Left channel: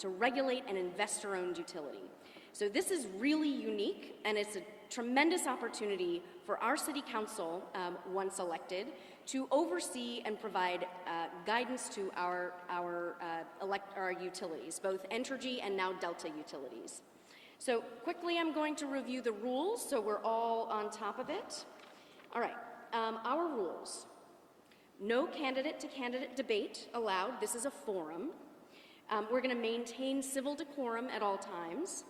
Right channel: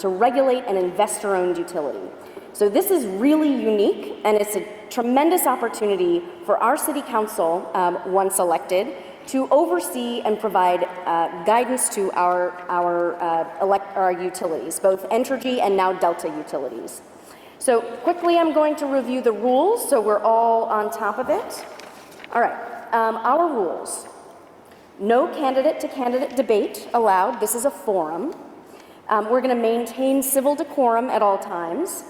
to regulate an investor-owned utility. So this is really unique, and it's a tremendous opportunity for our City Council, once elected, to oversee and provide guidance to our utilities, both Entergy and now Delta utilities. So quickly, I'm going to review the rules so we're all on top of it. All right, our rules. No candidate-to-candidate debate allowed. This is a forum. We're going to maintain civil decorum at all times.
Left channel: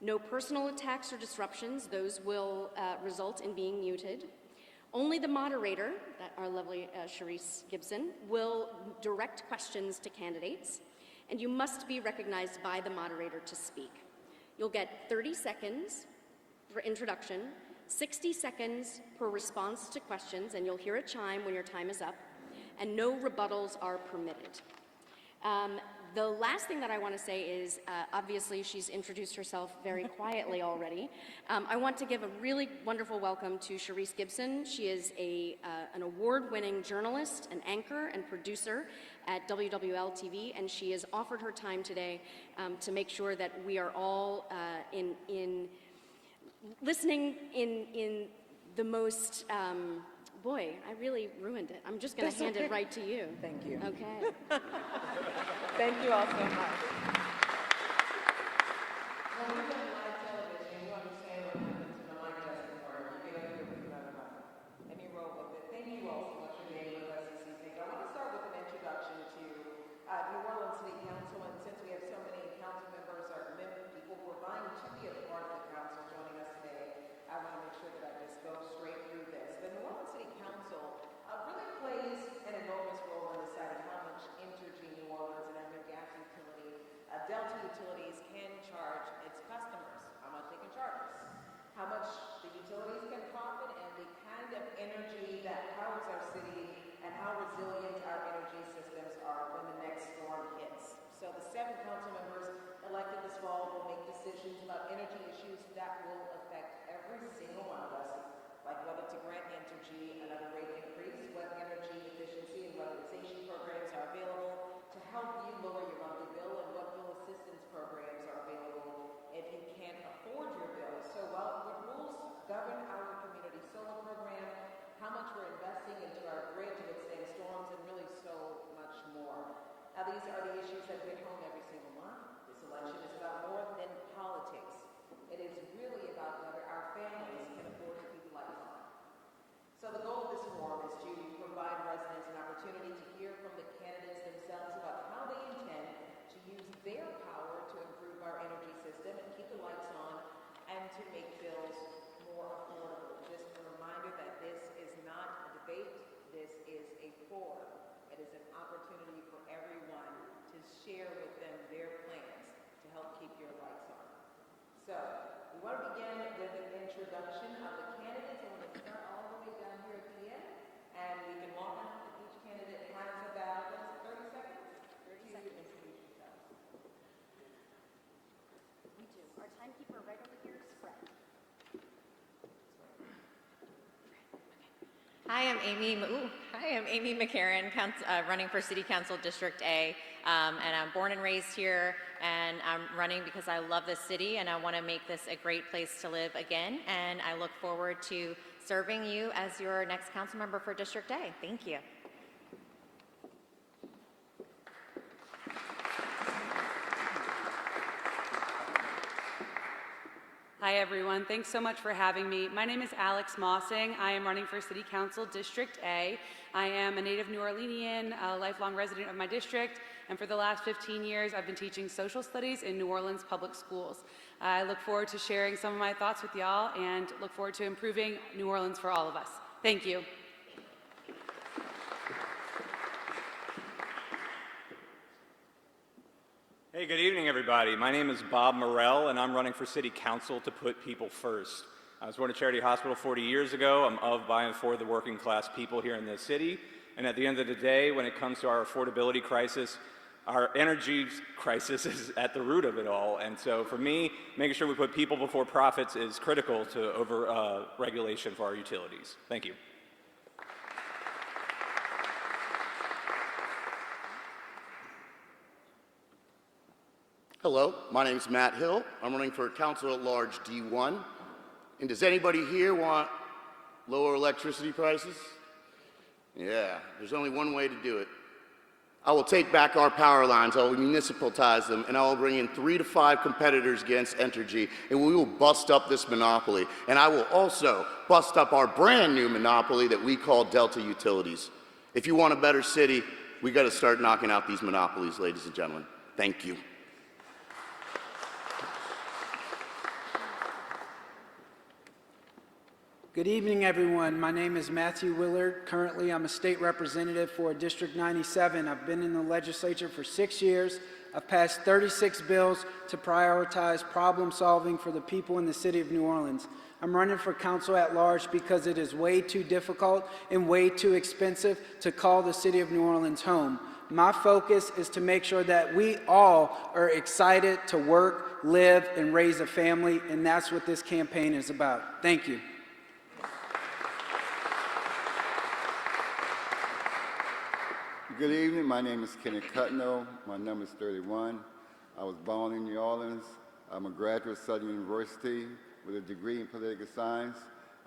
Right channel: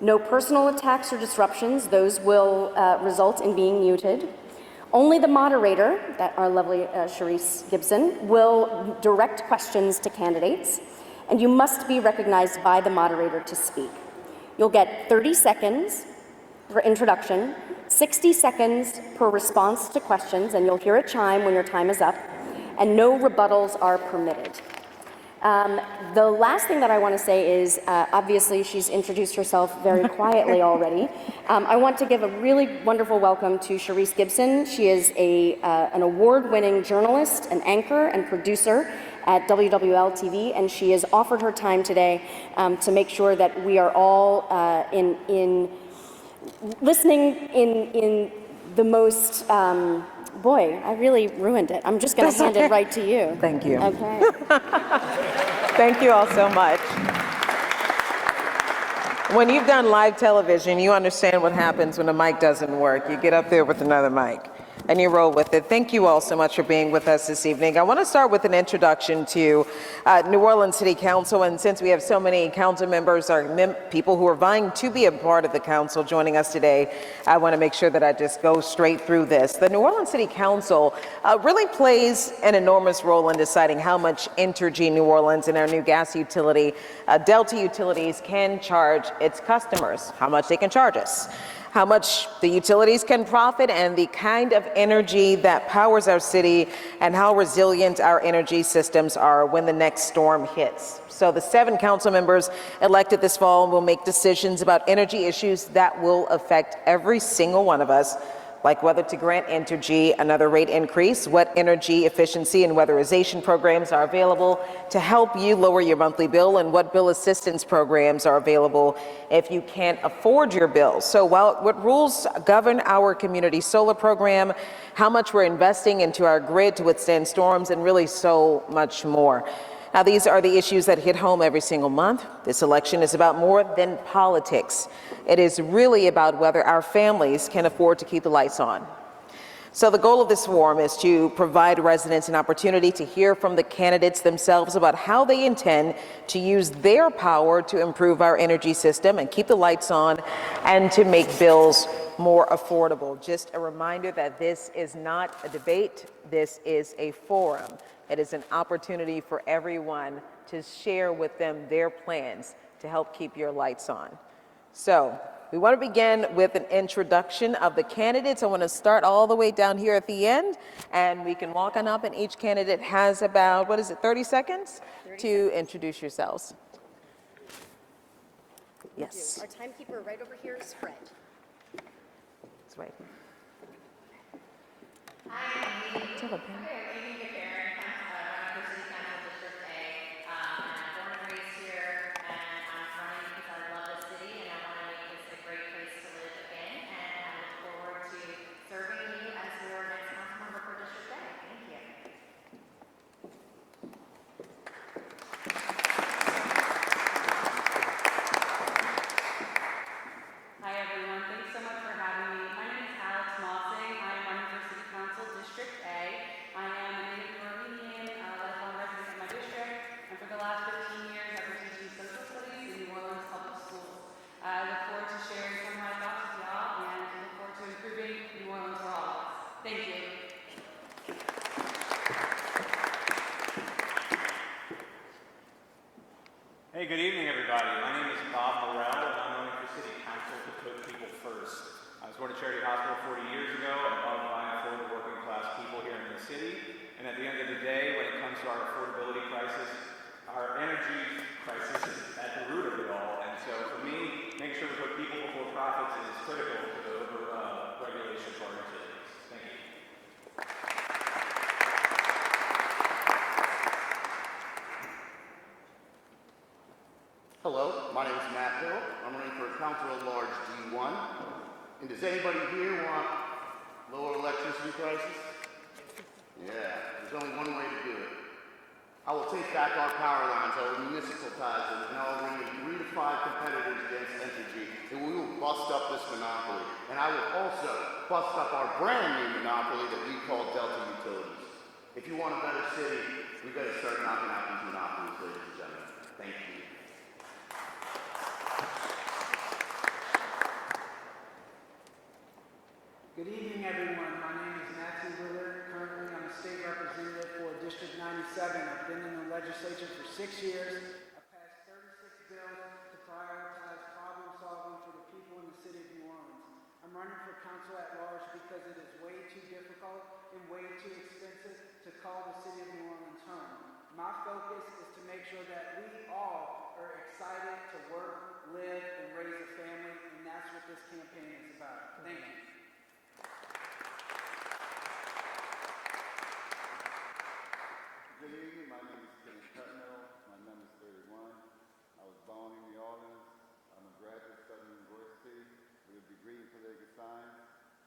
No personal attacks or disruptions. Those will result in being muted. Only the moderator, our lovely Charisse Gibson, will direct questions to candidates, and you must be recognized by the moderator to speak. You'll get 30 seconds for introduction, 60 seconds per response to questions, and you'll hear a chime when your time is up, and no rebuttals are permitted. The last thing that I want to say is, obviously she's introduced herself very quietly already. I want to give a really wonderful welcome to Charisse Gibson. She is an award-winning journalist, an anchor, and producer at WWL TV, and she has offered her time today to make sure that we are all listening in the most, boy, I really ruined it. I'm just going to hand it right to you. Thank you. Okay. Thank you all so much. When you've done live television, you understand what happens when a mic doesn't work. You get up there with another mic and you roll with it. Thank you all so much for being with us this evening. I want to start with an introduction to New Orleans City Council, and since we have so many council members or people who are vying to be a part of the council joining us today, I want to make sure that I just go straight through this. The New Orleans City Council really plays an enormous role in deciding how much Entergy New Orleans and our new gas utility, Delta Utilities, can charge its customers, how much they can charge us, how much the utilities can profit, and the kind of energy that powers our city, and how resilient our energy systems are when the next storm hits. So the 7 council members elected this fall will make decisions about energy issues that will affect every single one of us, like whether to grant Entergy another rate increase, what energy efficiency and weatherization programs are available to help you lower your monthly bill, and what bill assistance programs are available if you can't afford your bill. So what rules govern our community solar program, how much we're investing into our grid to withstand storms, and really so much more. Now, these are the issues that hit home every single month. This election is about more than politics. It is really about whether our families can afford to keep the lights on. So the goal of this forum is to provide residents an opportunity to hear from the candidates themselves about how they intend to use their power to improve our energy system and keep the lights on, and to make bills more affordable. Just a reminder that this is not a debate, this is a forum. It is an opportunity for everyone to share with them their plans to help keep your lights on. So we want to begin with an introduction of the candidates. I want to start all the way down here at the end, and we can walk on up, and each candidate has about, 30 seconds to introduce yourselves. Yes. Our timekeeper right over here is Fred. That's right. I am Amy McCarran, running for City Council District A, and I'm born and raised here, and I'm running because I love this city and I want to make this a great place to live again, and I look forward to serving you as your next council member for District A. Thank you. Hi everyone, thanks so much for having me. My name is Alex Mossing. I am running for City Council District A. I am a native New Orleanian, a lifelong resident of my district, and for the last 15 years I've been teaching social studies in New Orleans public schools. I look forward to sharing some of my thoughts with y'all and look forward to improving New Orleans for all of us. Thank you. Hey, good evening, everybody. My name is Bob Morell, and I'm running for City Council to put people first. I was born at Charity Hospital 40 years ago. I'm of, by, and for the working class people here in the city. And at the end of the day, when it comes to our affordability crisis, our energy crisis is at the root of it all. And so for me, making sure we put people before profits is critical to over-regulation for our utilities. Thank you. Hello, my name is Matt Hill. I'm running for Council at Large D1. And does anybody here want lower electricity prices? Yeah, there's only one way to do it. I will take back our power lines, I will municipalize them, and I will bring in 3 to 5 competitors against Entergy, and we will bust up this monopoly. And I will also bust up our brand new monopoly that we call Delta Utilities. If you want a better city, we got to start knocking out these monopolies, ladies and gentlemen. Thank you. Good evening, everyone. My name is Matthew Willard. Currently, I'm a state representative for District 97. I've been in the legislature for 6 years. I've passed 36 bills to prioritize problem solving for the people in the city of New Orleans. I'm running for council at large because it is way too difficult and way too expensive to call the city of New Orleans home. My focus is to make sure that we all are excited to work, live, and raise a family, and that's what this campaign is about. Thank you. Good evening. My name is Kenny Cutno. My number is 31. I was born in New Orleans. I'm a graduate of Southern University with a degree in political science.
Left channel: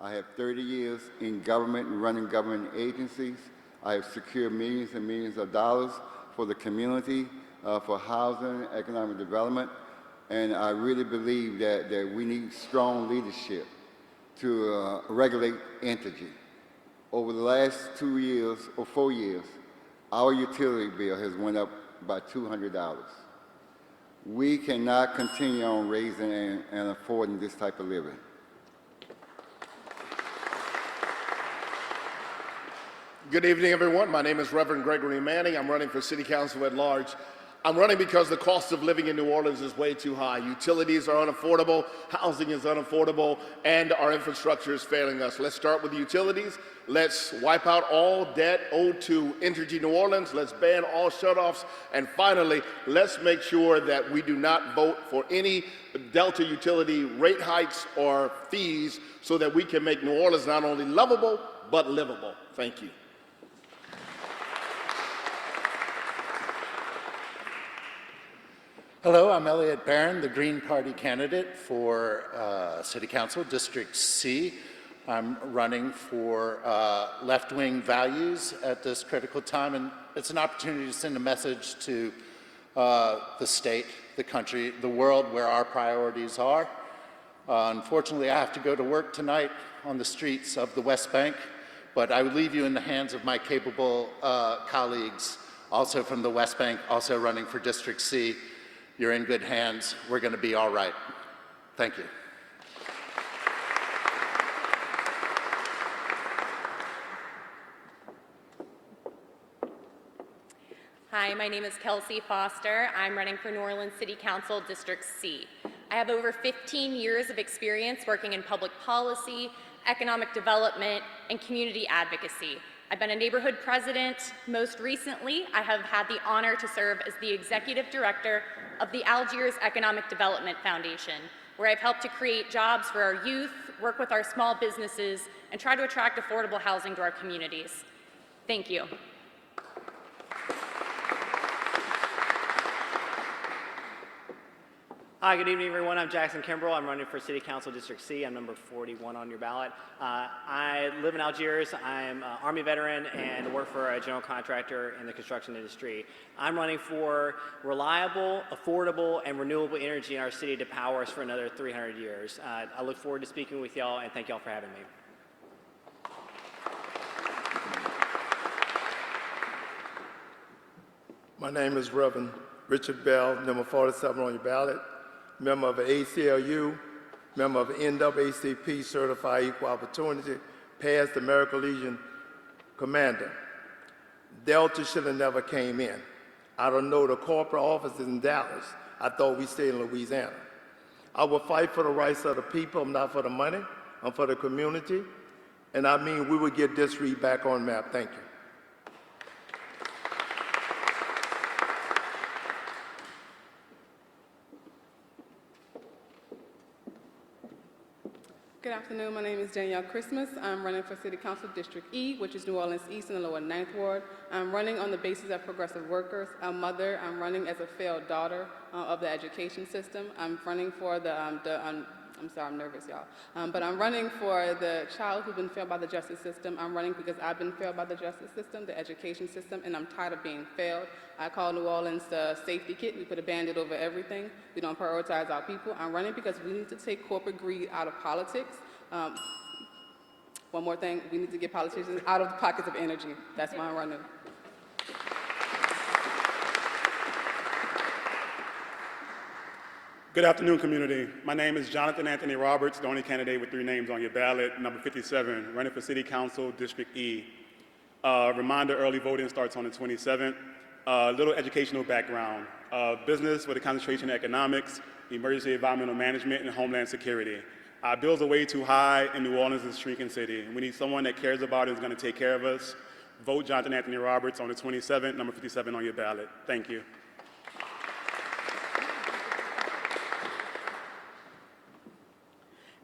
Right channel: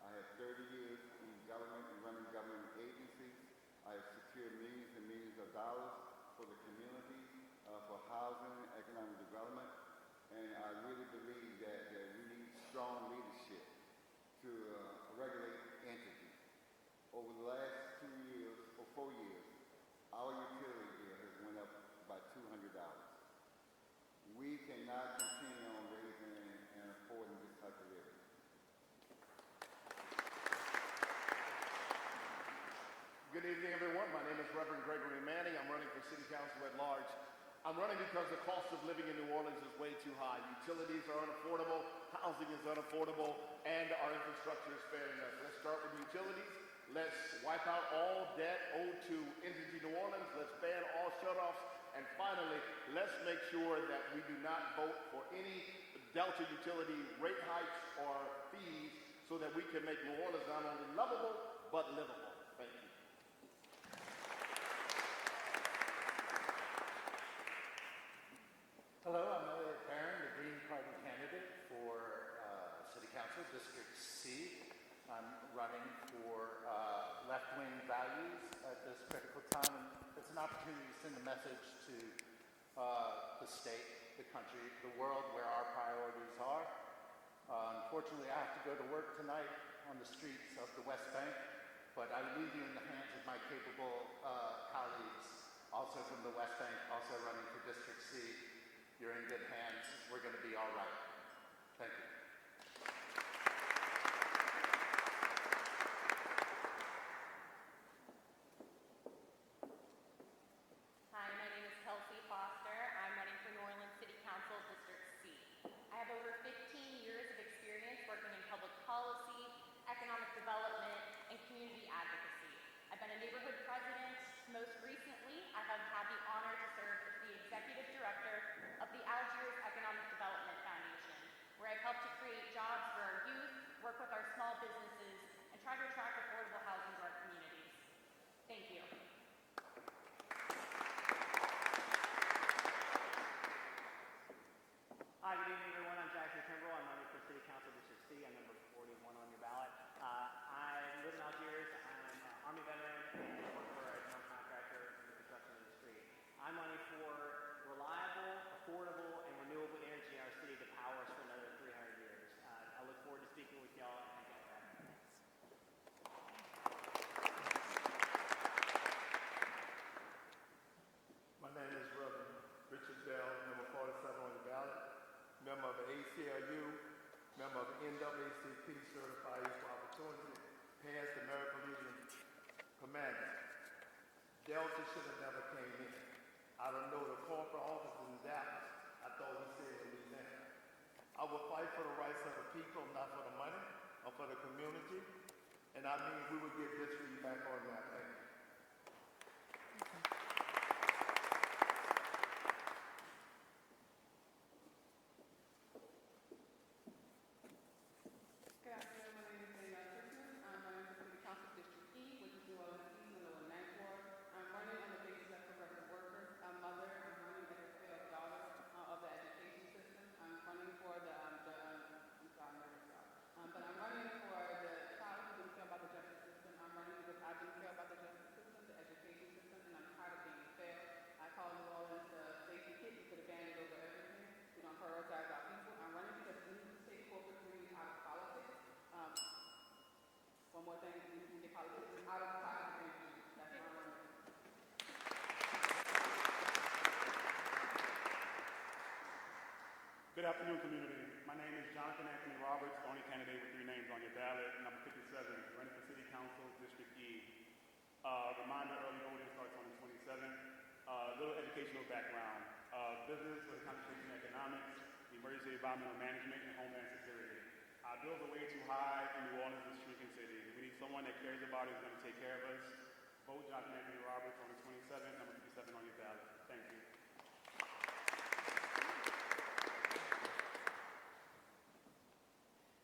I have 30 years in government and running government agencies. I have secured millions and millions of dollars for the community, for housing, economic development, and I really believe that we need strong leadership to regulate Entergy. Over the last 2 years or 4 years, our utility bill has went up by $200. We cannot continue on raising and affording this type of living. Good evening, everyone. My name is Reverend Gregory Manning. I'm running for City Council at Large. I'm running because the cost of living in New Orleans is way too high. Utilities are unaffordable, housing is unaffordable, and our infrastructure is failing us. Let's start with utilities. Let's wipe out all debt owed to Entergy New Orleans. Let's ban all shutoffs. And finally, let's make sure that we do not vote for any Delta utility rate hikes or fees so that we can make New Orleans not only lovable, but livable. Thank you. Hello, I'm Elliot Barron, the Green Party candidate for City Council, District C. I'm running for left-wing values at this critical time, and it's an opportunity to send a message to the state, the country, the world where our priorities are. Unfortunately, I have to go to work tonight on the streets of the West Bank, but I would leave you in the hands of my capable colleagues, also from the West Bank, also running for District C. You're in good hands. We're going to be all right. Thank you. Hi, my name is Kelsey Foster. I'm running for New Orleans City Council, District C. I have over 15 years of experience working in public policy, economic development, and community advocacy. I've been a neighborhood president. Most recently, I have had the honor to serve as the executive director of the Algiers Economic Development Foundation, where I've helped to create jobs for our youth, work with our small businesses, and try to attract affordable housing to our communities. Thank you. Hi, good evening, everyone. I'm Jackson Kimbrell. I'm running for City Council District C. I'm number 41 on your ballot. I live in Algiers. I'm an Army veteran and work for a general contractor in the construction industry. I'm running for reliable, affordable, and renewable energy in our city to power us for another 300 years. I look forward to speaking with y'all, and thank y'all for having me. My name is Reverend Richard Bell, number 47 on your ballot. Member of the ACLU, member of the NAACP, Certified Equal Opportunity, past American Legion Commander. Delta should have never came in. I don't know the corporate offices in Dallas. I thought we stayed in Louisiana. I will fight for the rights of the people. I'm not for the money. I'm for the community. And I mean, we will get this read back on map. Thank you. Good afternoon. My name is Danielle Christmas. I'm running for City Council District E, which is New Orleans East and the Lower Ninth Ward. I'm running on the basis of progressive workers. A mother. I'm running as a failed daughter of the education system. I'm running for I'm sorry, I'm nervous, y'all. But I'm running for the child who's been failed by the justice system. I'm running because I've been failed by the justice system, the education system, and I'm tired of being failed. I call New Orleans the safety kit. We put a Band-Aid over everything. We don't prioritize our people. I'm running because we need to take corporate greed out of politics. One more thing, we need to get politicians out of the pockets of energy. That's why I'm running. Good afternoon, community. My name is Jonathan Anthony Roberts, the only candidate with 3 names on your ballot, number 57, running for City Council, District E. Reminder, early voting starts on the 27th. Little educational background. Business with a concentration in economics, emergency environmental management, and homeland security. Our bills are way too high, and New Orleans is a shrinking city. We need someone that cares about it and is going to take care of us. Vote Jonathan Anthony Roberts on the 27th, number 57 on your ballot. Thank you.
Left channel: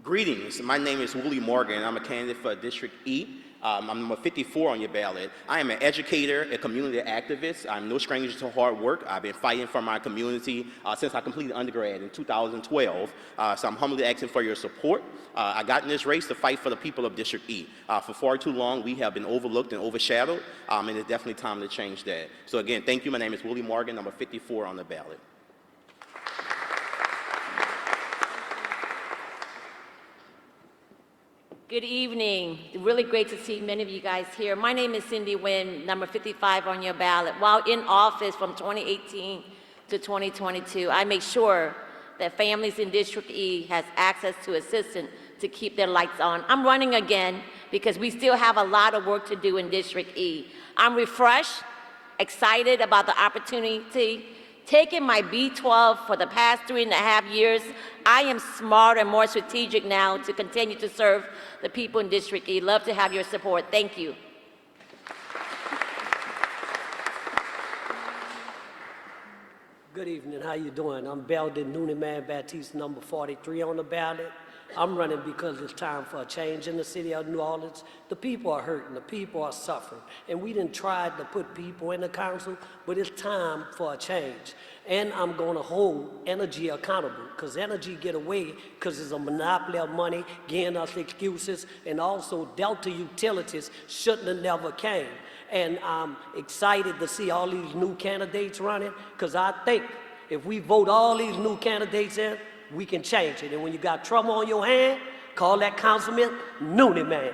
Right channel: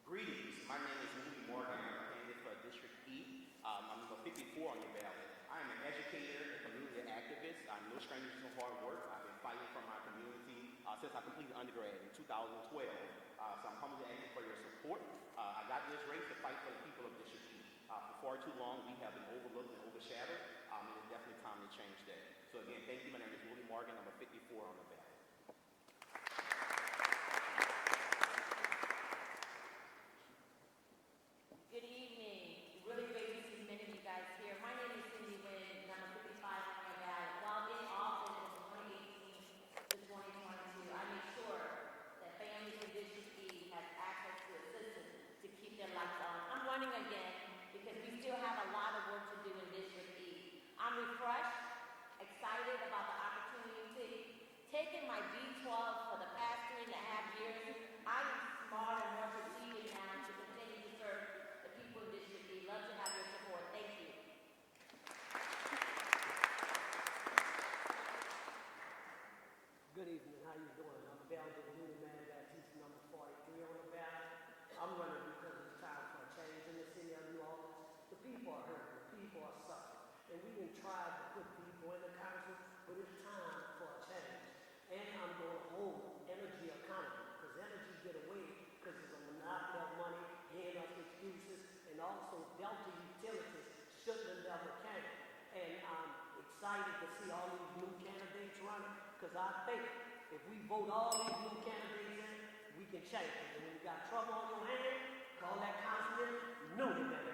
Greetings, my name is Willie Morgan. I'm a candidate for District E. I'm number 54 on your ballot. I am an educator, a community activist. I'm no stranger to hard work. I've been fighting for my community since I completed undergrad in 2012. So I'm humbly asking for your support. I got in this race to fight for the people of District E. For far too long, we have been overlooked and overshadowed, and it's definitely time to change that. So again, thank you. My name is Willie Morgan, number 54 on the ballot. Good evening. Really great to see many of you guys here. My name is Cindy Nguyen, number 55 on your ballot. While in office from 2018 to 2022, I make sure that families in District E has access to assistance to keep their lights on. I'm running again because we still have a lot of work to do in District E. I'm refreshed, excited about the opportunity. Taking my B12 for the past 3.5 years, I am smarter and more strategic now to continue to serve the people in District E. Love to have your support. Thank you. Good evening. How you doing? I'm Belden Nooniman Baptiste, number 43 on the ballot. I'm running because it's time for a change in the city of New Orleans. The people are hurting, the people are suffering, and we didn't try to put people in the council, but it's time for a change. And I'm going to hold energy accountable, because energy get away because it's a monopoly of money, giving us excuses, and also Delta Utilities shouldn't have never came. And I'm excited to see all these new candidates running, because I think if we vote all these new candidates in, we can change it. And when you got trouble on your hand, call that councilman Noonie Man.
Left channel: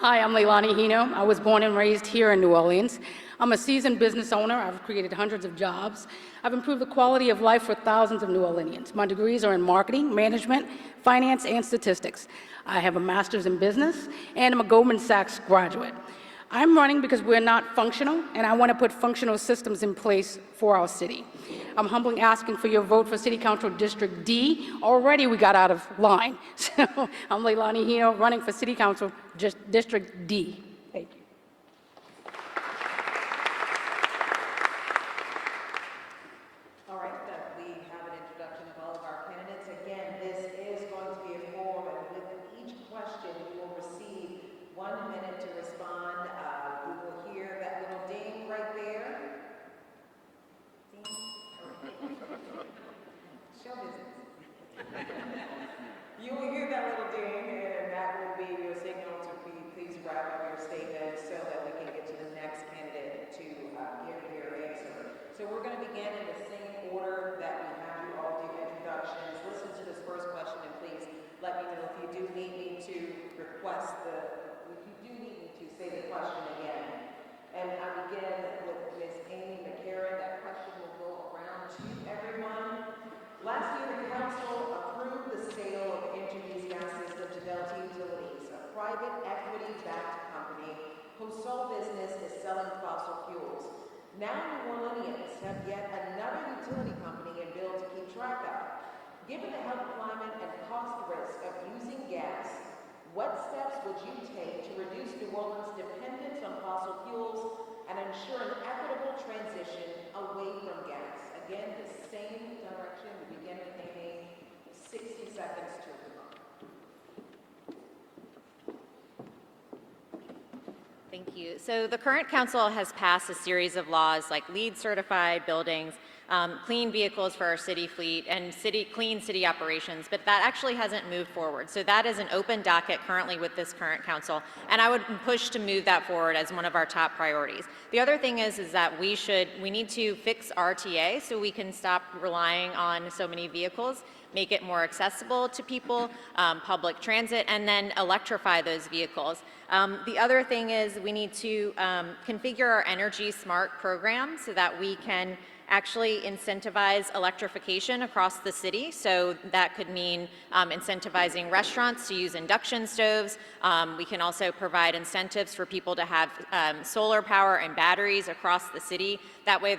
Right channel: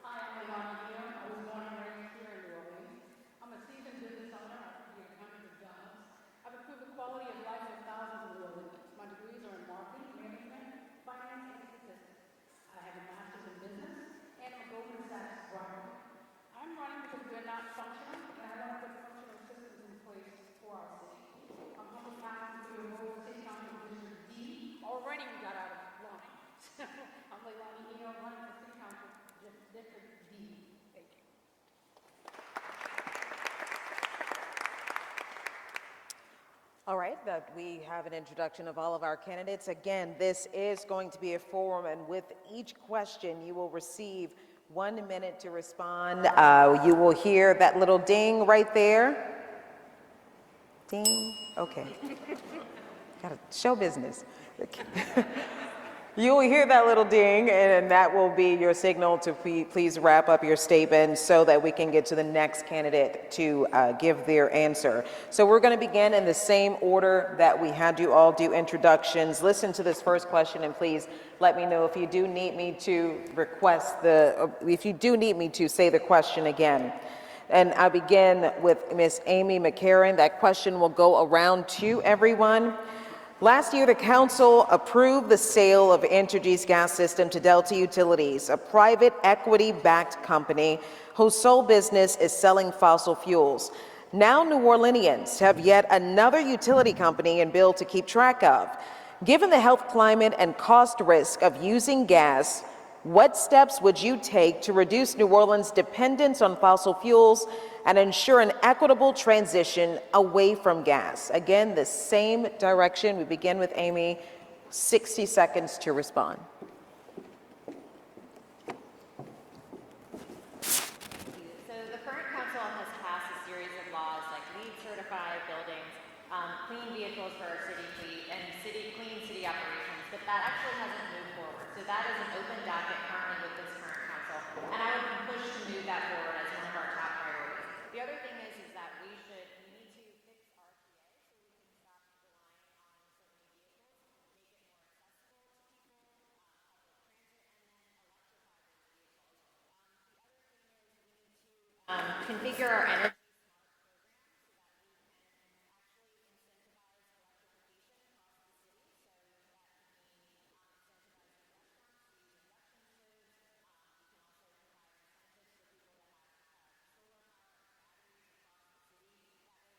Hi, I'm Leilani Hino. I was born and raised here in New Orleans. I'm a seasoned business owner. I've created hundreds of jobs. I've improved the quality of life for thousands of New Orleanians. My degrees are in marketing, management, finance, and statistics. I have a master's in business, and I'm a Goldman Sachs graduate. I'm running because we're not functional, and I want to put functional systems in place for our city. I'm humbly asking for your vote for City Council District D. Already we got out of line. So I'm Leilani Hino, running for City Council District D. Thank you. All right, that we have an introduction of all of our candidates. Again, this is going to be a forum, and with each question, you will receive 1 minute to respond. You will hear that little ding right there. Ding. Okay. Got to show business. You will hear that little ding, and that will be your signal to please wrap up your statement so that we can get to the next candidate to give their answer. So we're going to begin in the same order that we had you all do introductions. Listen to this first question, and please let me know if you do need me to say the question again. And I begin with Ms. Amy McCarron. That question will go around to everyone. Last year, the council approved the sale of Entergy's gas system to Delta Utilities, a private equity-backed company whose sole business is selling fossil fuels. Now New Orleanians have yet another utility company and bill to keep track of. Given the health climate and cost risk of using gas, what steps would you take to reduce New Orleans' dependence on fossil fuels and ensure an equitable transition away from gas. Again, the same direction. We begin with Amy. 60 seconds to respond. Thank you. So the current council has passed a series of laws like LEED certified buildings, clean vehicles for our city fleet, and clean city operations, but that actually hasn't moved forward. So that is an open docket currently with this current council, and I would push to move that forward as one of our top priorities. The other thing is that we need to fix RTA so we can stop relying on so many vehicles, make it more accessible to people, public transit, and then electrify those vehicles. The other thing is we need to configure our Energy Smart program so that we can actually incentivize electrification across the city. So that could mean incentivizing restaurants to use induction stoves. We can also provide incentives for people to have solar power and batteries across the city. That way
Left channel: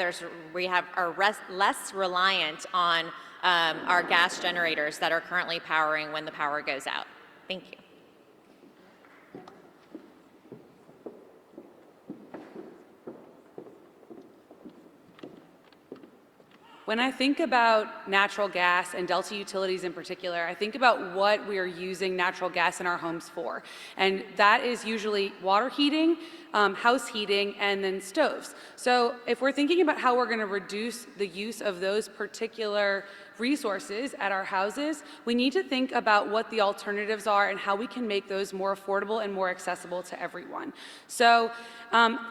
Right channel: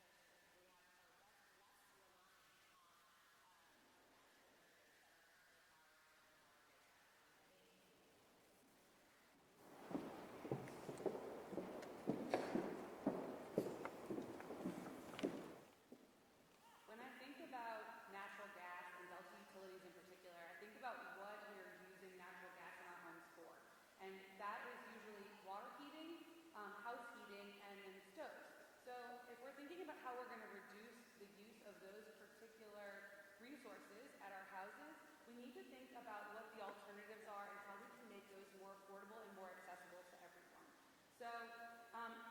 we are less reliant on our gas generators that are currently powering when the power goes out. Thank you. When I think about natural gas and Delta Utilities in particular, I think about what we are using natural gas in our homes for. And that is usually water heating, house heating, and then stoves. So if we're thinking about how we're going to reduce the use of those particular resources at our houses, we need to think about what the alternatives are and how we can make those more affordable and more accessible to everyone. So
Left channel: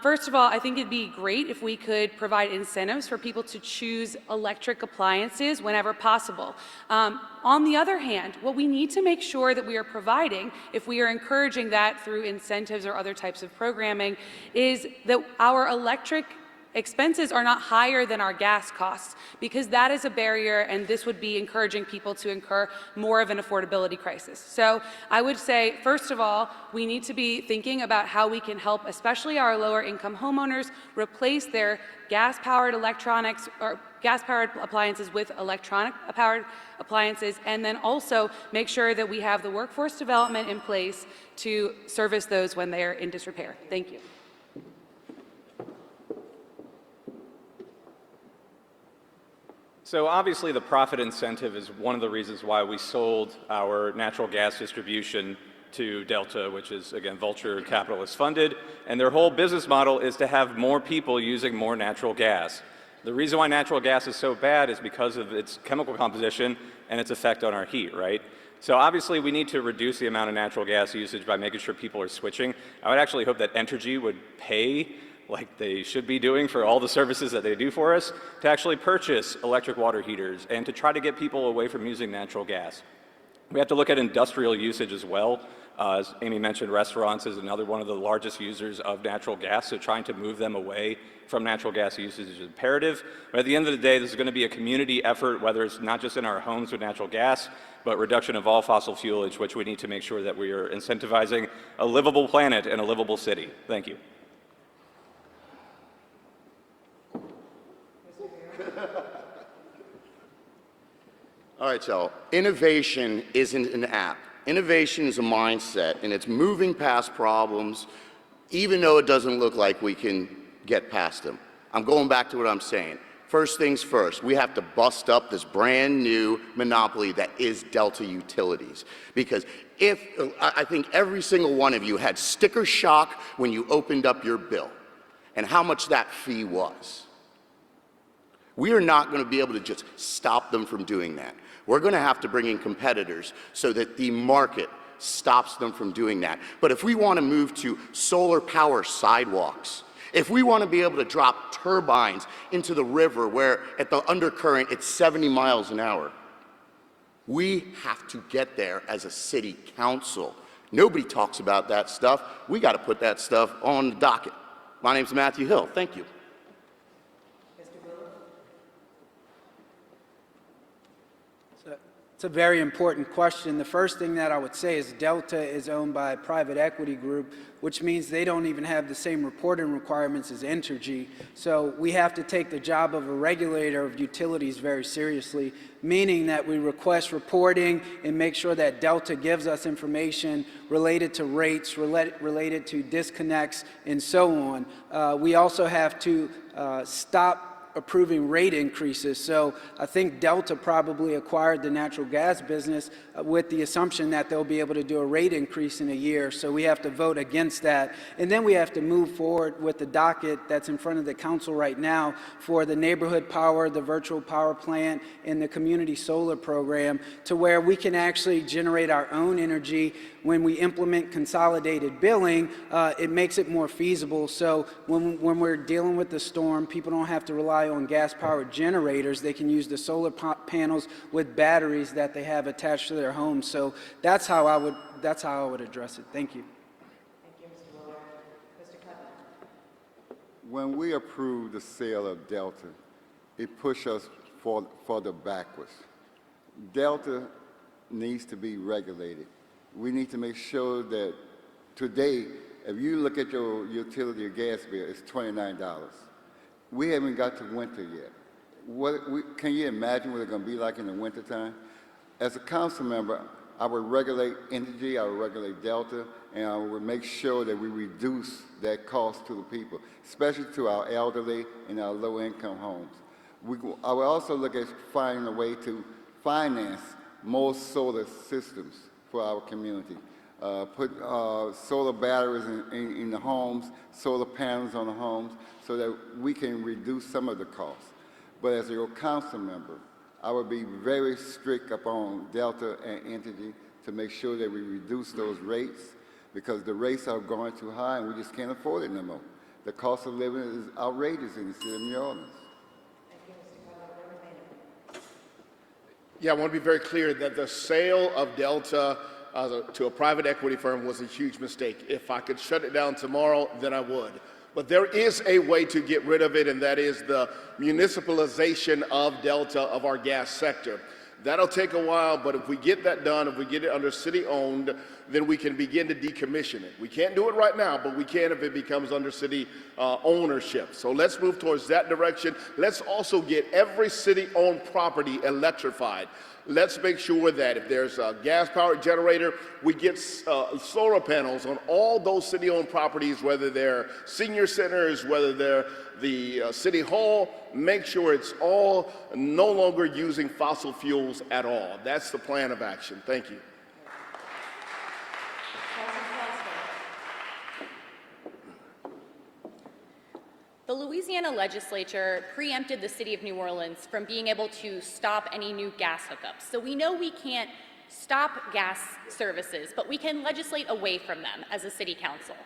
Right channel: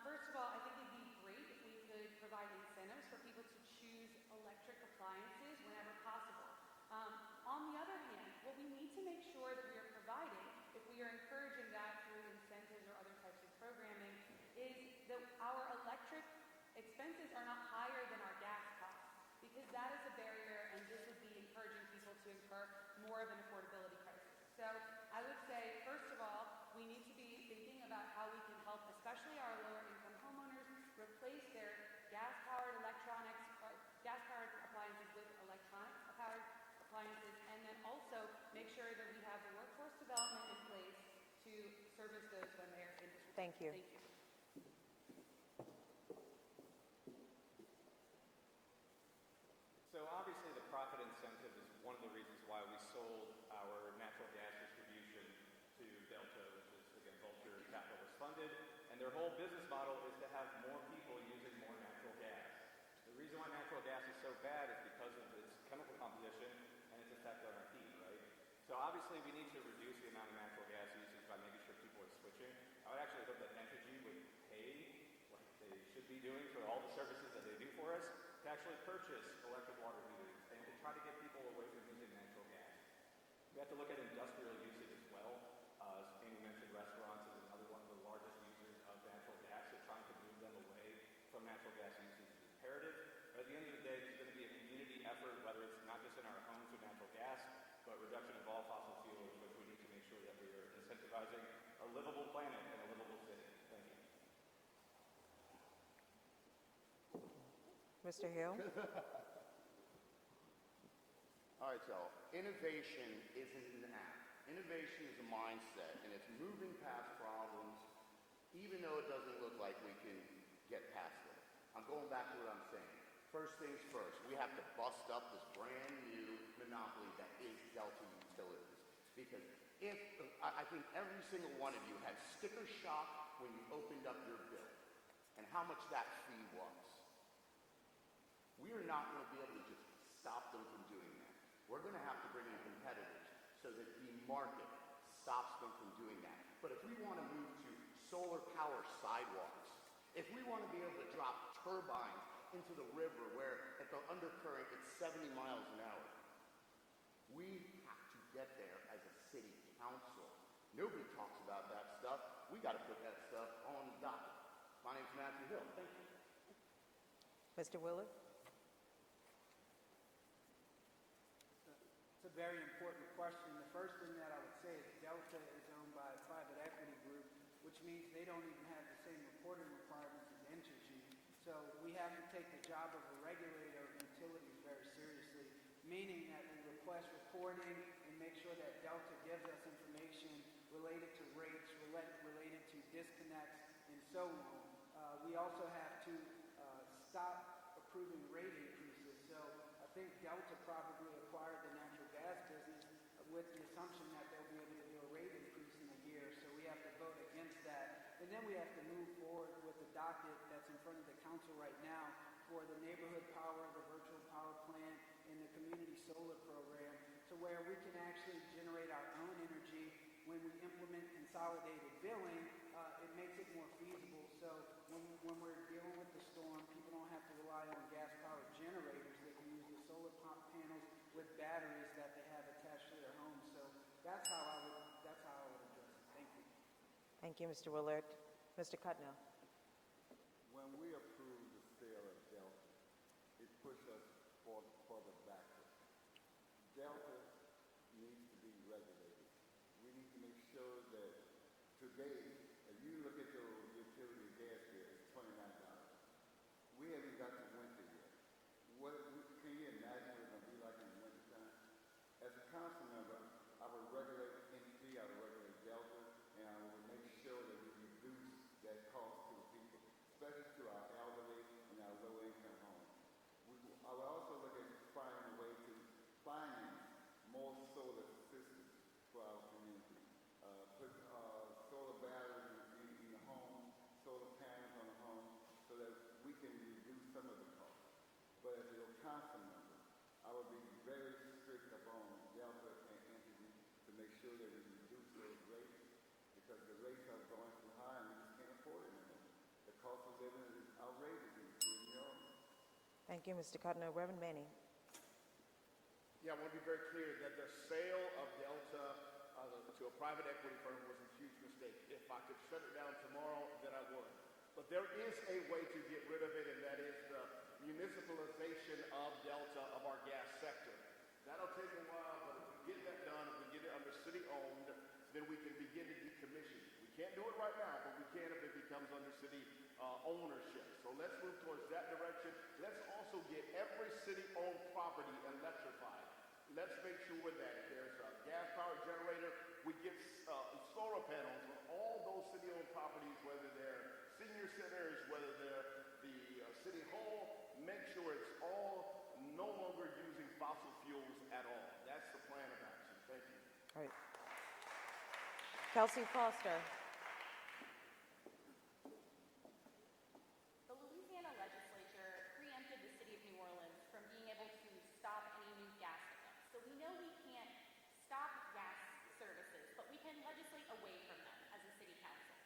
first of all, I think it'd be great if we could provide incentives for people to choose electric appliances whenever possible. On the other hand, what we need to make sure that we are providing, if we are encouraging that through incentives or other types of programming, is that our electric expenses are not higher than our gas costs, because that is a barrier, and this would be encouraging people to incur more of an affordability crisis. So I would say, first of all, we need to be thinking about how we can help, especially our lower income homeowners, replace their gas-powered electronics or gas-powered appliances with electronic-powered appliances, and then also make sure that we have the workforce development in place to service those when they are in disrepair. Thank you. So obviously the profit incentive is one of the reasons why we sold our natural gas distribution to Delta, which is, again, Vulture Capitalist funded, and their whole business model is to have more people using more natural gas. The reason why natural gas is so bad is because of its chemical composition and its effect on our heat, right? So obviously we need to reduce the amount of natural gas usage by making sure people are switching. I would actually hope that Entergy would pay, like they should be doing for all the services that they do for us, to actually purchase electric water heaters and to try to get people away from using natural gas. We have to look at industrial usage as well. As Amy mentioned, restaurants is another one of the largest users of natural gas, so trying to move them away from natural gas usage is imperative. But at the end of the day, this is going to be a community effort, whether it's not just in our homes with natural gas, but reduction of all fossil fuelage, which we need to make sure that we are incentivizing a livable planet and a livable city. Thank you. All right, y'all. Innovation isn't an app. Innovation is a mindset, and it's moving past problems, even though it doesn't look like we can get past them. I'm going back to what I'm saying. First things first, we have to bust up this brand new monopoly that is Delta Utilities. Because I think every single one of you had sticker shock when you opened up your bill and how much that fee was. We are not going to be able to just stop them from doing that. We're going to have to bring in competitors so that the market stops them from doing that. But if we want to move to solar power sidewalks, if we want to be able to drop turbines into the river where at the undercurrent it's 70 miles an hour, we have to get there as a city council. Nobody talks about that stuff. We got to put that stuff on the docket. My name's Matthew Hill. Thank you. It's a very important question. The first thing that I would say is Delta is owned by a private equity group, which means they don't even have the same reporting requirements as Entergy. So we have to take the job of a regulator of utilities very seriously, meaning that we request reporting and make sure that Delta gives us information related to rates, related to disconnects, and so on. We also have to stop approving rate increases. So I think Delta probably acquired the natural gas business with the assumption that they'll be able to do a rate increase in a year. So we have to vote against that. And then we have to move forward with the docket that's in front of the council right now for the neighborhood power, the virtual power plant, and the community solar program, to where we can actually generate our own energy. When we implement consolidated billing, it makes it more feasible. So when we're dealing with the storm, people don't have to rely on gas-powered generators. They can use the solar panels with batteries that they have attached to their homes. So that's how I would address it. Thank you. Thank you, Mr. Willard. Mr. Cutman. When we approved the sale of Delta, it pushed us further backwards. Delta needs to be regulated. We need to make sure that today, if you look at your utility or gas bill, it's $29. We haven't got to winter yet. Can you imagine what it's going to be like in the wintertime? As a council member, I would regulate energy, I would regulate Delta, and I would make sure that we reduce that cost to the people, especially to our elderly and our low-income homes. I would also look at finding a way to finance more solar systems for our community. Put solar batteries in the homes, solar panels on the homes, so that we can reduce some of the costs. But as your council member, I would be very strict upon Delta and Entergy to make sure that we reduce those rates, because the rates are going too high and we just can't afford it no more. The cost of living is outrageous in the city of New Orleans. Thank you, Mr. Cutler. Reverend Manning. Yeah, I want to be very clear that the sale of Delta to a private equity firm was a huge mistake. If I could shut it down tomorrow, then I would. But there is a way to get rid of it, and that is the municipalization of Delta, of our gas sector. That'll take a while, but if we get that done, if we get it under city-owned, then we can begin to decommission it. We can't do it right now, but we can if it becomes under city ownership. So let's move towards that direction. Let's also get every city-owned property electrified. Let's make sure that if there's a gas-powered generator, we get solar panels on all those city-owned properties, whether they're senior centers, whether they're the city hall. Make sure it's all no longer using fossil fuels at all. That's the plan of action. Thank you. The Louisiana legislature preempted the city of New Orleans from being able to stop any new gas hookups. So we know we can't stop gas services, but we can legislate away from them as a city council.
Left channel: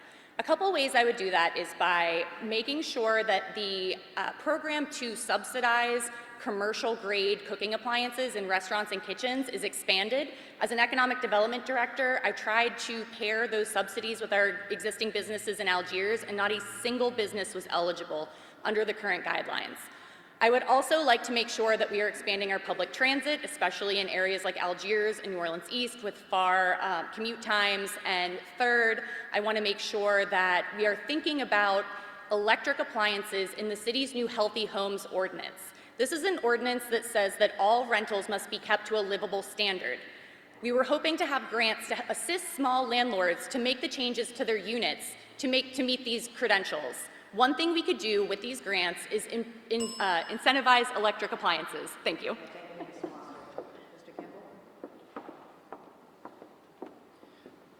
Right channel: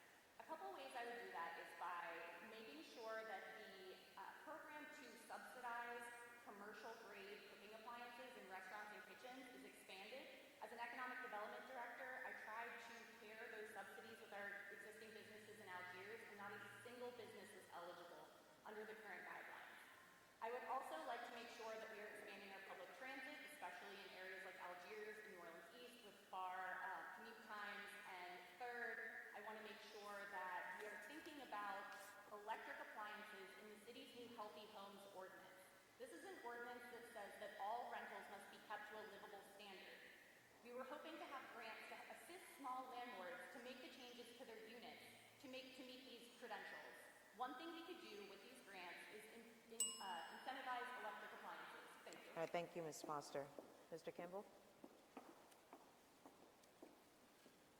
A couple ways I would do that is by making sure that the program to subsidize commercial-grade cooking appliances in restaurants and kitchens is expanded. As an economic development director, I tried to pair those subsidies with our existing businesses in Algiers, and not a single business was eligible under the current guidelines. I would also like to make sure that we are expanding our public transit, especially in areas like Algiers and New Orleans East with far commute times. And third, I want to make sure that we are thinking about electric appliances in the city's new Healthy Homes Ordinance. This is an ordinance that says that all rentals must be kept to a livable standard. We were hoping to have grants to assist small landlords to make the changes to their units to meet these credentials. One thing we could do with these grants is incentivize electric appliances. Thank you. Thank you, Ms. Monster. Mr. Kimball?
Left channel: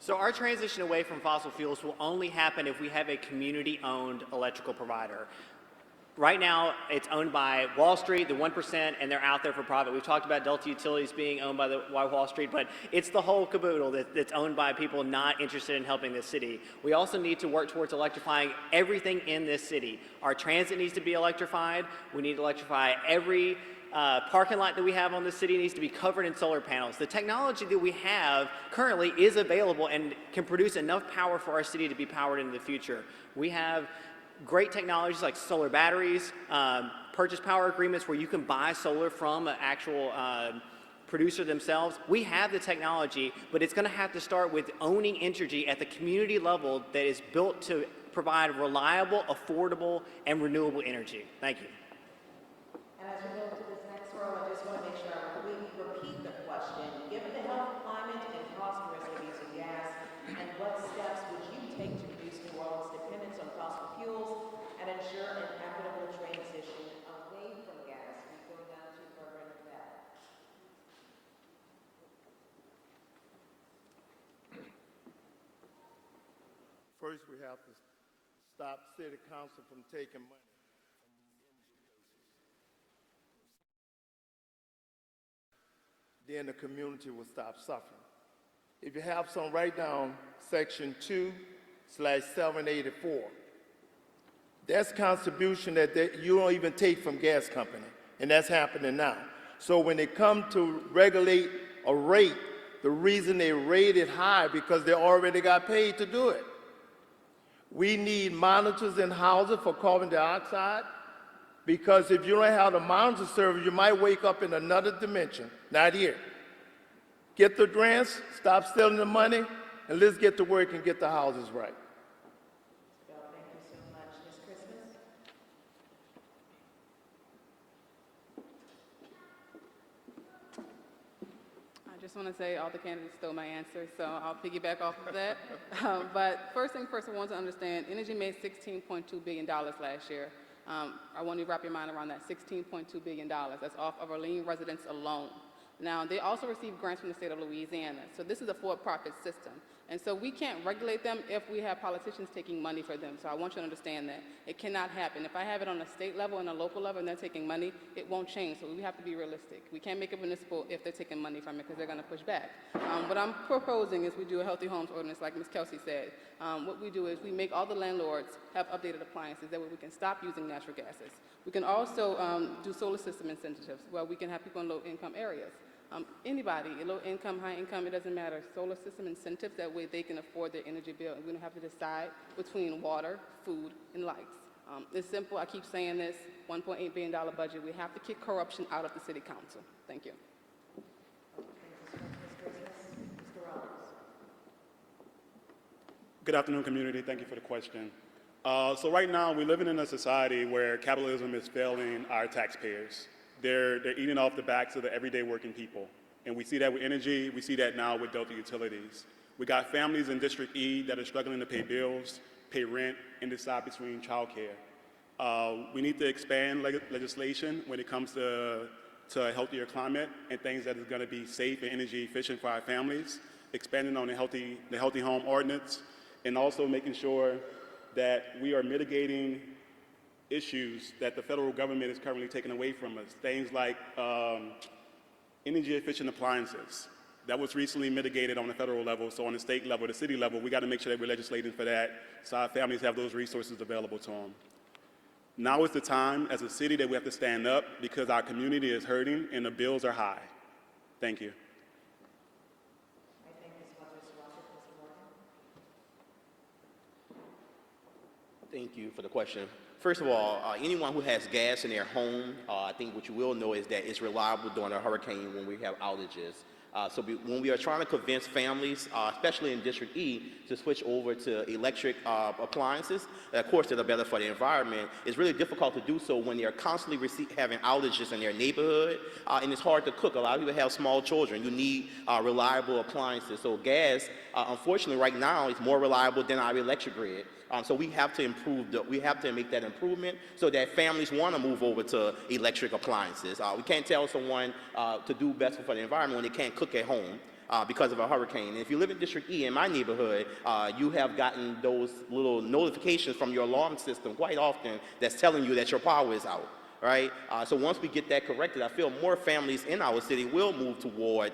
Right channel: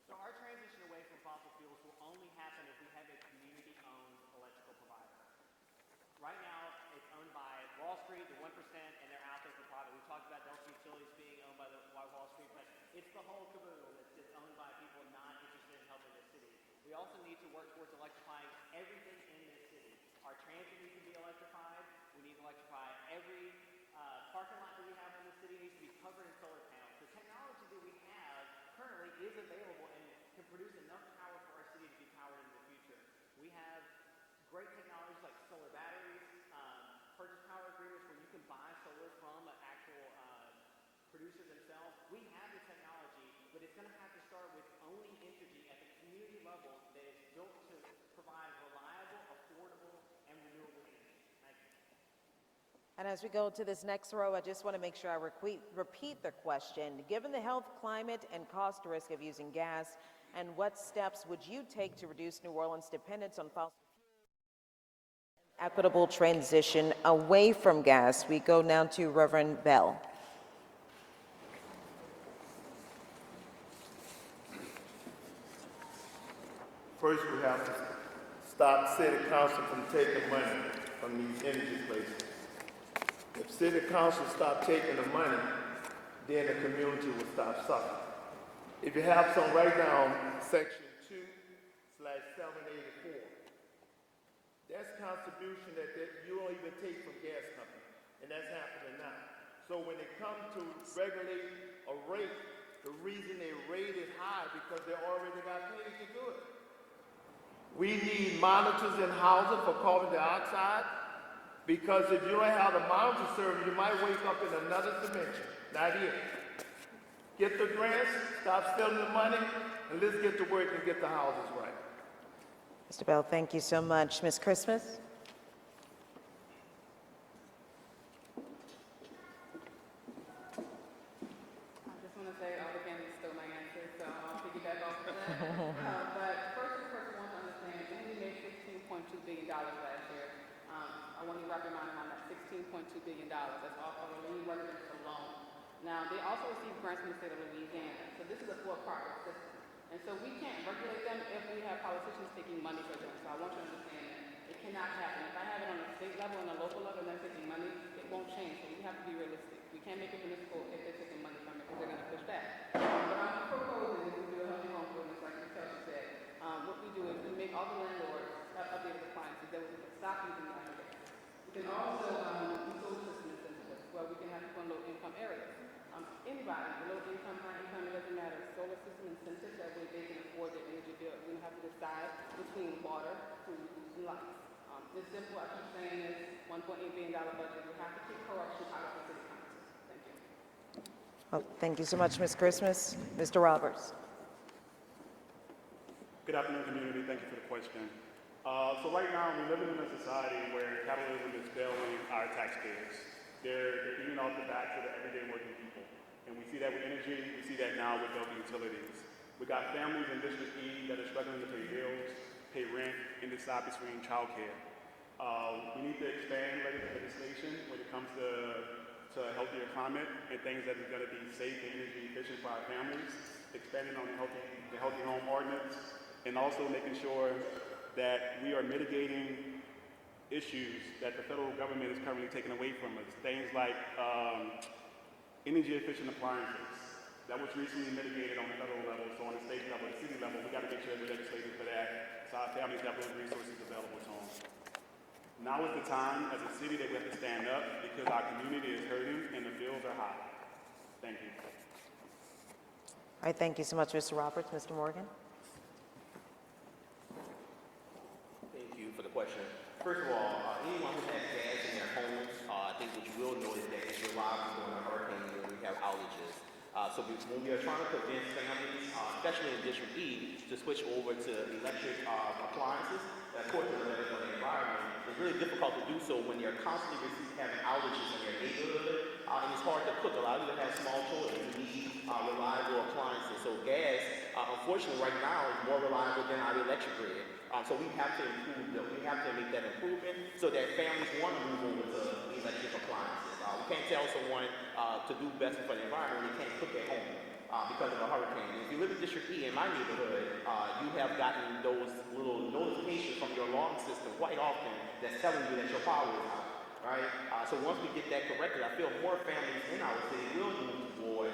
So our transition away from fossil fuels will only happen if we have a community-owned electrical provider. Right now, it's owned by Wall Street, the 1%, and they're out there for profit. We've talked about Delta Utilities being owned by Wall Street, but it's the whole caboodle that's owned by people not interested in helping this city. We also need to work towards electrifying everything in this city. Our transit needs to be electrified. We need to electrify every parking lot that we have on the city needs to be covered in solar panels. The technology that we have currently is available and can produce enough power for our city to be powered into the future. We have great technologies like solar batteries, purchase power agreements where you can buy solar from an actual producer themselves. We have the technology, but it's going to have to start with owning Entergy at the community level that is built to provide reliable, affordable, and renewable energy. Thank you. And as we go to this next row, I just want to make sure I repeat the question. Given the health, climate, and cost risk of using gas, and what steps would you take to reduce New Orleans' dependence on fossil fuels and ensure an equitable transition away from gas? We go now to Reverend Bell. First, we have to stop city council from taking money from these energy places. If city council stop taking the money, then the community will stop suffering. If you have some, write down section 2/784. That's contribution that you don't even take from gas company, and that's happening now. So when they come to regulate a rate, the reason they rate it high because they already got paid to do it. We need monitors in houses for carbon dioxide, because if you don't have the monitor service, you might wake up in another dimension, not here. Get the grants, stop stealing the money, and let's get to work and get the houses right. Mr. Bell, thank you so much. Ms. Christmas? I just want to say all the candidates stole my answer, so I'll piggyback off of that. But first thing first, I want to understand, Energy made $16.2 billion last year. I want you to wrap your mind around that $16.2 billion. That's off of Orleans residents alone. Now, they also receive grants from the state of Louisiana, so this is a for-profit system. And so we can't regulate them if we have politicians taking money for them. So I want you to understand that. It cannot happen. If I have it on a state level and a local level and they're taking money, it won't change. So we have to be realistic. We can't make it municipal if they're taking money from it because they're going to push back. What I'm proposing is we do a healthy homes ordinance like Ms. Kelsey said. What we do is we make all the landlords have updated appliances. That way we can stop using natural gases. We can also do solar system incentives where we can have people in low-income areas. Anybody, low income, high income, it doesn't matter. Solar system incentives, that way they can afford their energy bill. We don't have to decide between water, food, and lights. It's simple. I keep saying this, $1.8 billion budget. We have to kick corruption out of the city council. Thank you. Well, thank you so much, Ms. Christmas. Mr. Roberts. Good afternoon, community. Thank you for the question. So right now, we're living in a society where capitalism is failing our taxpayers. They're eating off the backs of the everyday working people. And we see that with energy, we see that now with Delta Utilities. We got families in District E that are struggling to pay bills, pay rent, and decide between childcare. We need to expand legislation when it comes to a healthier climate and things that are gonna be safe and energy efficient for our families, expanding on the healthy home ordinance, and also making sure that we are mitigating issues that the federal government is currently taking away from us. Things like energy efficient appliances. That was recently mitigated on the federal level, so on the state level, the city level, we gotta make sure that we're legislating for that so our families have those resources available to them. Now is the time as a city that we have to stand up because our community is hurting and the bills are high. Thank you. All right, thank you so much, Mr. Roberts. Mr. Morgan? Thank you for the question. First of all, anyone who has gas in their home, I think what you will know is that it's reliable during a hurricane when we have outages. When we are trying to convince families, especially in District E, to switch over to electric appliances, of course that are better for the environment, it's really difficult to do so when they're constantly having outages in their neighborhood, and it's hard to cook. A lot of people have small children. You need reliable appliances. So gas, unfortunately right now, is more reliable than our electric grid. So we have to make that improvement so that families want to move over to electric appliances. We can't tell someone to do better for the environment when they can't cook at home because of a hurricane. And if you live in District E in my neighborhood, you have gotten those little notifications from your alarm system quite often that's telling you that your power is out. Right? So once we get that corrected, I feel more families in our city will move toward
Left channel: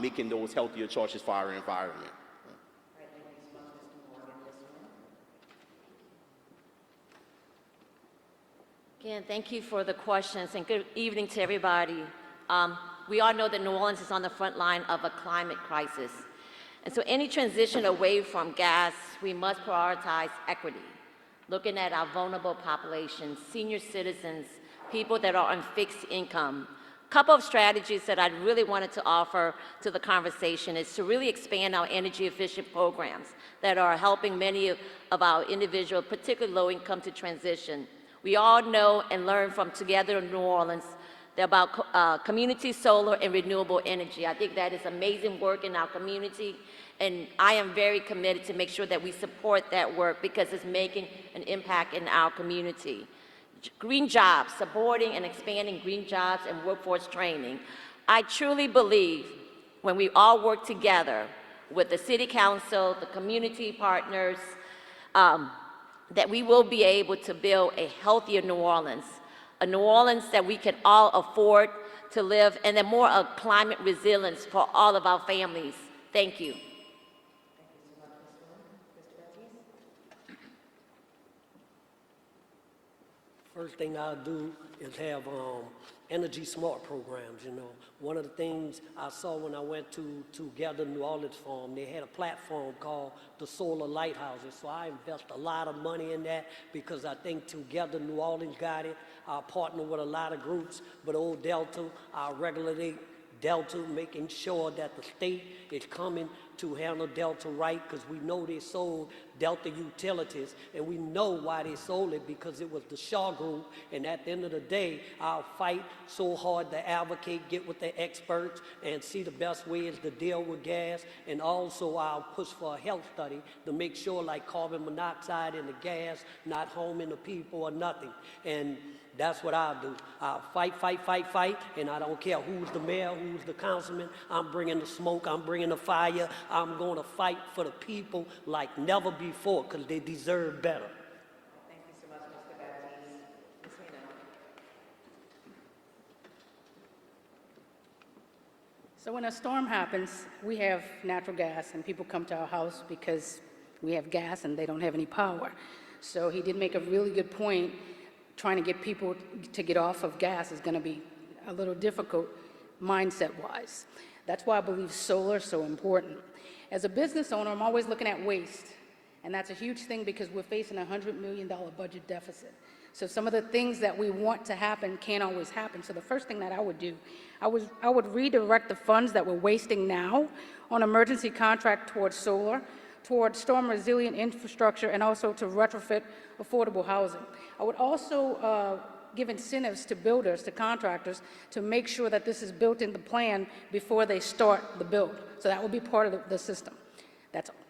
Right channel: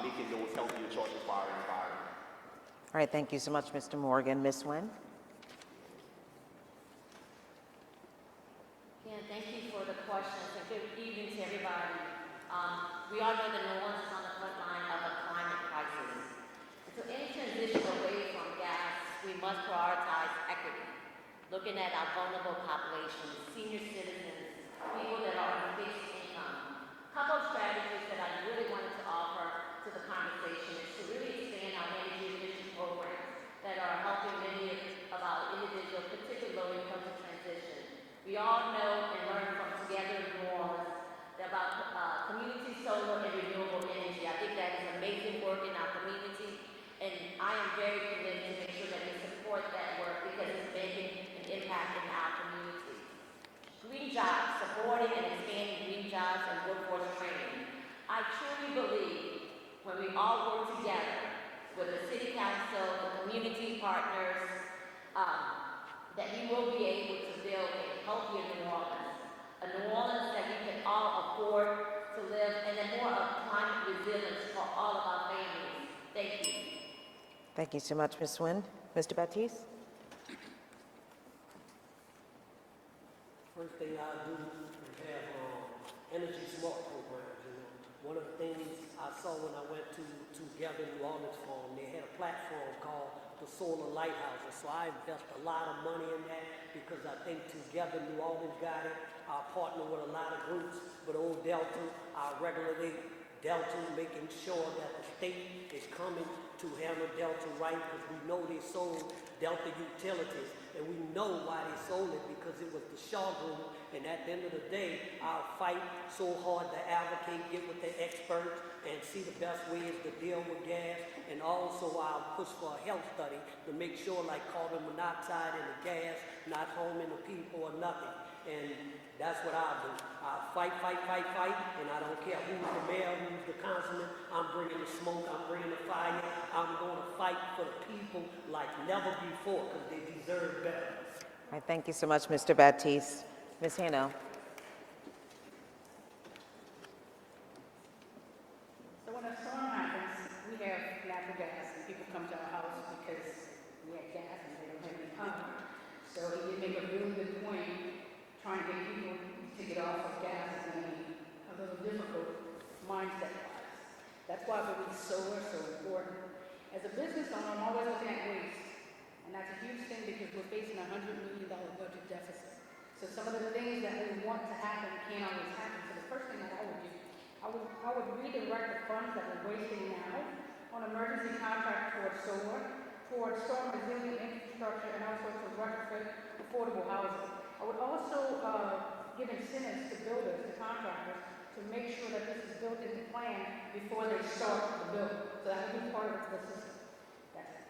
making those healthier choices for our environment. All right, thank you so much, Mr. Morgan. Ms. Nguyen? Again, thank you for the questions and good evening to everybody. We all know that New Orleans is on the front line of a climate crisis. And so any transition away from gas, we must prioritize equity, looking at our vulnerable populations, senior citizens, people that are on fixed income, couple of strategies that I really wanted to offer to the conversation is to really expand our energy efficient programs that are helping many of our individuals, particularly low income, to transition. We all know and learn from Together in New Orleans about community solar and renewable energy. I think that is amazing work in our community, and I am very committed to make sure that we support that work because it's making an impact in our community. Green jobs, supporting and expanding green jobs and workforce training. I truly believe when we all work together with the City Council, the community partners, that we will be able to build a healthier New Orleans, a New Orleans that we can all afford to live, and then more of climate resilience for all of our families. Thank you. Thank you so much, Ms. Nguyen. Mr. Baptiste? First thing I do is have energy smart programs, you know. One of the things I saw when I went to Gather New Orleans Forum, they had a platform called the Solar Lighthouses. So I invest a lot of money in that because I think Together New Orleans got it. I partner with a lot of groups, but Old Delta, I regulate Delta, making sure that the state is coming to handle Delta right, because we know they sold Delta Utilities, and we know why they sold it, because it was the Shaw Group, and at the end of the day, I'll fight so hard to advocate, get with the experts, and see the best ways to deal with gas, and also I'll push for a health study to make sure like carbon monoxide in the gas, not harming the people or nothing, and that's what I'll do. I'll fight, and I don't care who's the mayor, who's the councilman. I'm bringing the smoke, I'm bringing the fire. I'm going to fight for the people like never before, because they deserve better. All right, thank you so much, Mr. Baptiste. Ms. Hano. So when a storm happens, we have natural gas, and people come to our house because we have gas and they don't have any power. So he did make a really good point. Trying to get people to get off of gas is going to be a little difficult mindset-wise. That's why I believe solar is so important. As a business owner, I'm always looking at waste, and that's a huge thing because we're facing a $100 million budget deficit. So some of the things that we want to happen can't always happen. So the first thing that I would do, I would redirect the funds that we're wasting now on emergency contract towards solar, towards storm resilient infrastructure, and also to retrofit affordable housing. I would also give incentives to builders, to contractors, to make sure that this is built in the plan before they start the build. So that would be part of the system. That's all.